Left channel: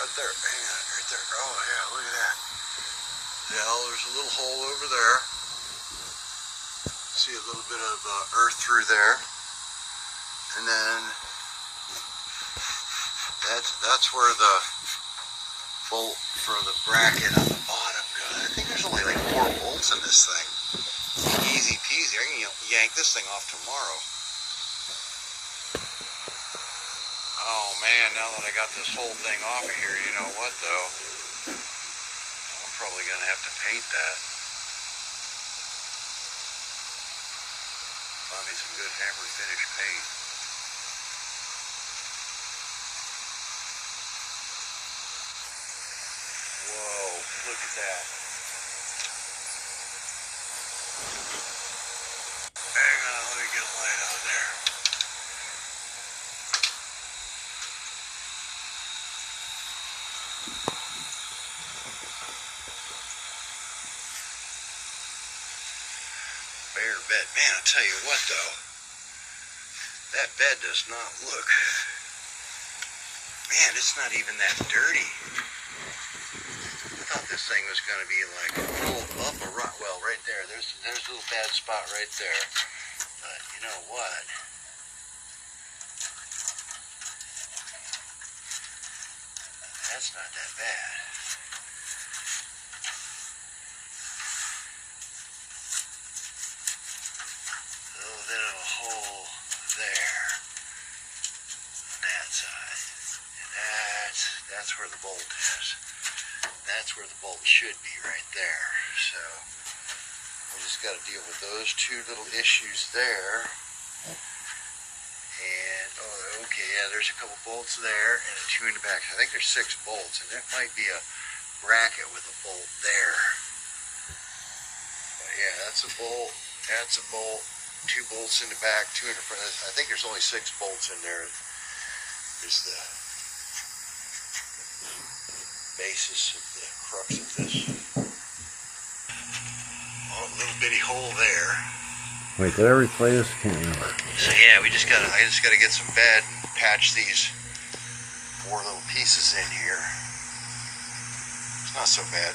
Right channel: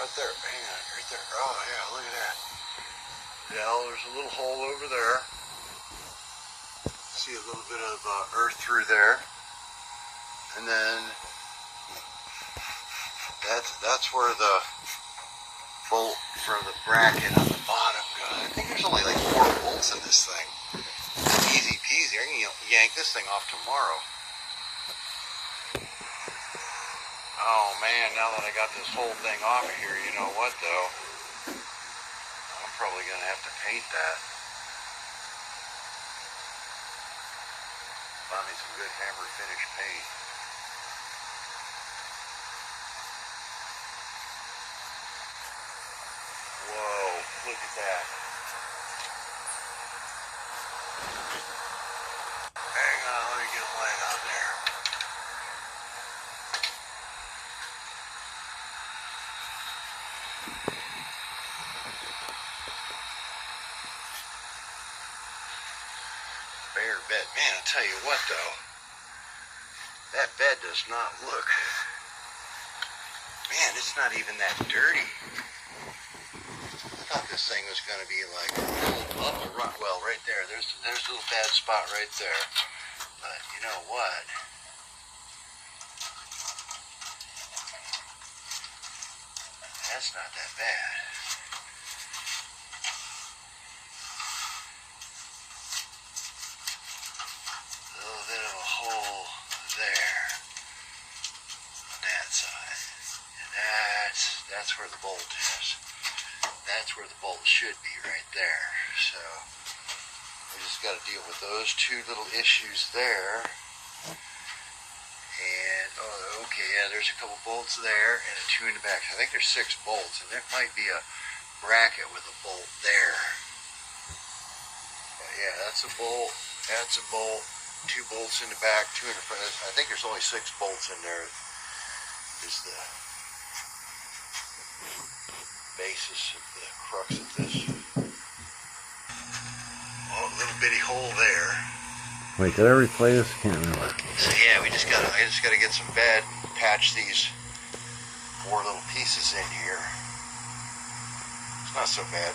Right there. Hang on. Right there. Oh, yeah. Look at that. Yeah, there's a little hole over there. See a little bit of earth through there. And then that's where the bolt for the bracket on the bottom goes. I think there's only like 4 bolts in this thing. Easy peasy. I can yank this thing off tomorrow. Oh man, now that I got this whole thing off of here, you know what though? I'm probably going to have to paint that. Find me some good hammer finish paint. Whoa, look at that. Hang on, let me get a light out there. Bare bed. Man, I tell you what though, that bed does not look, man, it's not even that dirty. I thought this thing was going to be like a little up a rock. Well, right there, there's a little bad spot right there. But you know what? That's not that bad. A little bit of a hole there on that side. And that's where the bolt is. That's where the bolt should be, right there. So we just got to deal with those 2 little issues there. And oh, okay, yeah, there's a couple bolts there and a 2 in the back. I think there's 6 bolts, and there might be a bracket with a bolt there. But yeah, that's a bolt. That's a bolt. 2 bolts in the back, 2 in the front. I think there's only 6 bolts in there. Is the basis of the crux of this. Oh, a little bitty hole there. Wait, did I replay this? I can't remember. So yeah, I just gotta get some bed and patch these 4 little pieces in here. It's not so bad.